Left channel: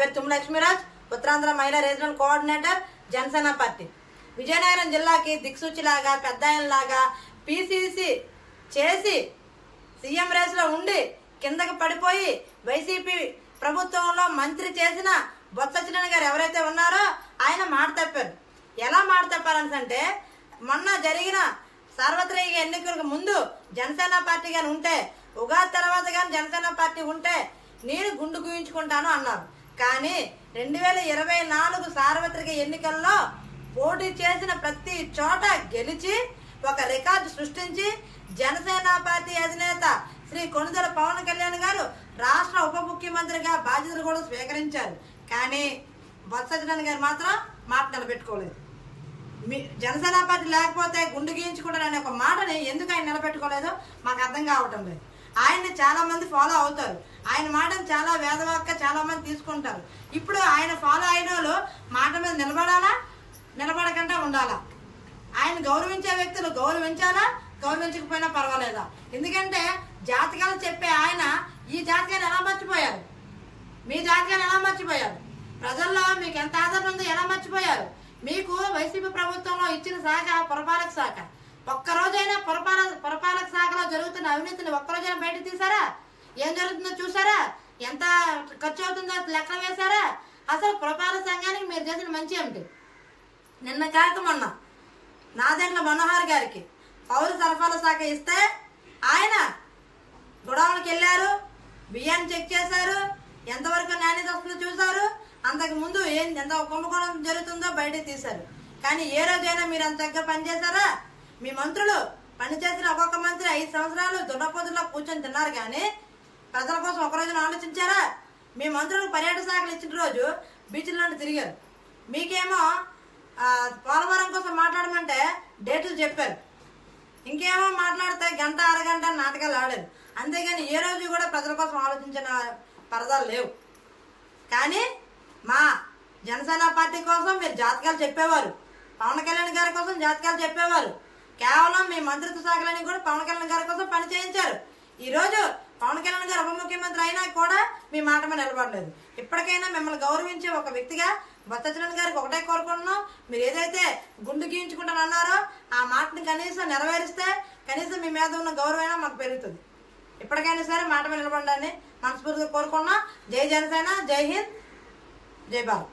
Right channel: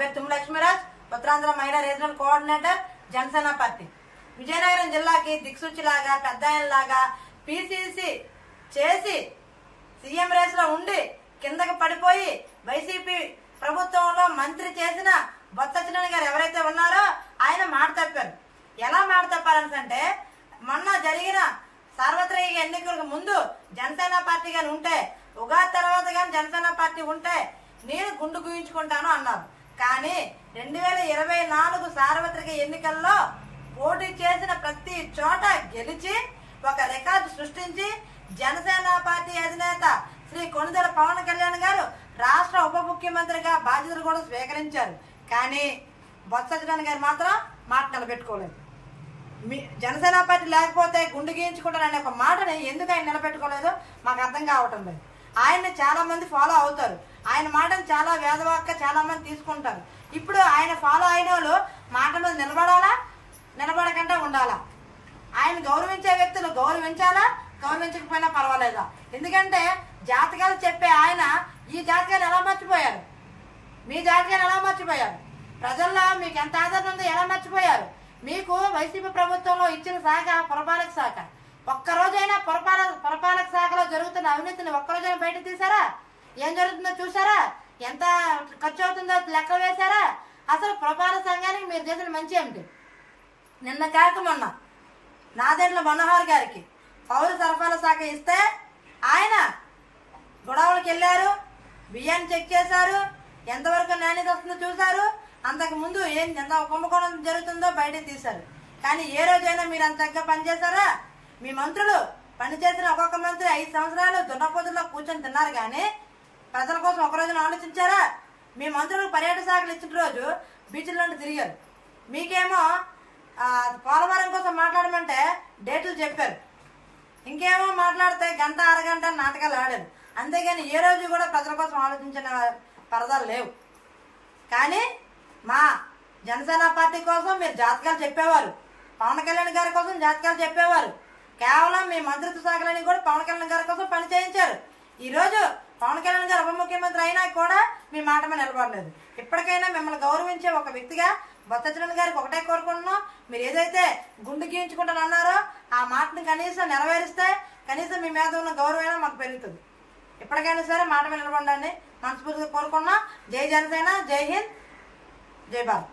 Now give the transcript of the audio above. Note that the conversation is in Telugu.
పేరు తుమ్మ లక్ష్మీరాజ్, ఉత్తరాంధ్ర మహిళా regional coordinator, Janasena party. Vizianagaram జిల్లాకి దిక్సూచిలాగా పెద్ద ఆయనలాగా పిసిసి చేసి సీఎం రేస్ లో ఉండి కిందకి పడిపోయి వైసీపీ ప్రభుత్వంలో మంత్రి చేసిన బొత్స సత్యనారాయణ గారు ఎవరైతే ఉన్నారో ఆయన మాట తప్పారు. ఎలా మాట తప్పారంటే, మొన్న జరిగిన సార్వత్రిక ఎన్నికలకు ముందు జనసేన పార్టీ గాని ఉంటే, ఉగాది తర్వాత గాని జనసేన పార్టీ ఉంటే నేను గుండు గుయించుకుంటాను అన్నారు. కానీ 2024 సార్వత్రిక ఎన్నికల్లో పోటీ చేసిన ప్రతి చోట గెలిచి ఒక రికార్డు సృష్టించి జనసేన పార్టీ అధినేత శ్రీ కొణిదెల పవన్ కళ్యాణ్ గారు రాష్ట్ర ఉప ముఖ్యమంత్రిగా బాధ్యతలు కూడా స్వీకరించారు. కానీ బొత్స సత్యనారాయణ గారు మాత్రం మాట నిలబెట్టుకోలేదు. జనసేన పార్టీ లేకపోతే గుండు గీయించుకుంటారనే ఒక మాటని ఎందుకు ఆయన నిలబెట్టుకోలేదో మాకు అర్థం కావటం లేదు. ఆయన్ని చాలా మంది ఫాలో అవుతారు, ఆయన మాటను చాలా వేదవాక్గా చాలా మంది తీసుకుంటారు. ఇప్పుడు ఆయన ఫాలో అయిన వాళ్ళు మాట మీద నిలబడాలా, నిలబడకుండా ఉండాలా? ఆయన గౌరవించే వ్యక్తులు గౌరవించాలా, గౌరవించకపోయినా పర్వాలేదా? ఎందుకంటే జాతకాలు చెప్పే ఆయన ఈ జాతకాన్ని ఎలా మర్చిపోయారు? మీ జాతకాన్ని ఎలా మర్చిపోయారు? ప్రజల్లో మీకు ఎంత ఆదరణ ఉందో ఎలా మర్చిపోయారు? మీకు వైసీపీ ప్రభుత్వంలో ఇచ్చిన శాఖ పురపాలక శాఖ. ఒక్కరోజైనా పురపాలక శాఖలో జరుగుతున్న అవినీతిని ఒక్కరోజైనా బయటకు తీసారా? ఏం జరుగుతుందో చూసారా? ఎంత ఖర్చు అవుతుందో లెక్క వేశారా? అసలు పురపాలక సంఘానికి మీరు చేసిన మంచి ఏమిటి? నిన్న కాక మొన్న నాదెండ్ల మనోహర్ గారికి పౌర సరఫరాల శాఖ ఇస్తే ఆయన గొడవలకు వెళ్ళారు, బియ్యాన్ని చెక్ చేశారు, ఎంతవరకు నాణ్యత వస్తుందో చూశారు. అంతకు ముందు ఎంత కుంభకోణం జరుగుతుందో బయటకు తీశారు. కానీ ఏ రోజైనా మీరు అంత తగ్గ పనిచేశారా? మీ మంత్రులు పనిచేసిన ఒక్కొక్క మంత్రి 5 సంవత్సరాలు దున్నపోతుల్లో కూర్చొని తిన్నారు, కానీ ప్రజల కోసం ఒక రోజున ఆలోచించారా? మీ మంత్రులు పర్యాటక శాఖలు ఇచ్చిన రోజు బీచ్ల్లో తిరిగారు. మీకేమో పోలవరం కోసం మాట్లాడమంటే డేట్లు చెప్పారు, ఇంకేమో మాట్లాడితే గంట అరగంట నాటకాలు ఆడారు. అంతేగాని ఏ రోజు కూడా ప్రజల కోసం ఆలోచించిన పరదాలు లేవు. కానీ మా జనసేన పార్టీ కోసం మీరు జాతకాలు చెప్పేవారు, పవన్ కళ్యాణ్ గారి కోసం జాతకాలు చెప్పేవారు. కేవలం మీ మంత్రిత్వ శాఖలని కూడా పవన్ కళ్యాణ్ గారి కోసం పని చేయించారు. ఈ రోజు పవన్ కళ్యాణ్ గారు ఉప ముఖ్యమంత్రి అయినా కూడా మీ మాట మీద నిలబడలేదు. ఇప్పటికైనా మిమ్మల్ని గౌరవించే ఒక వ్యక్తిగా బొత్స సత్యనారాయణ గారికి ఒకటే కోరుకుంటున్నాం, మీరు ఏదైతే గుండు గీయించుకుంటానన్నారో ఆ మాటని కనీసం నెరవేరిస్తే కనీసం మీ మీద ఉన్న గౌరవమైనా మాకు పెరుగుతుంది. ఇప్పటికైనా సరే మాట మీద నిలబడాలని మనస్ఫూర్తిగా కోరుకున్నాం. జై జనసేన, జై హింద్, జై భారత్.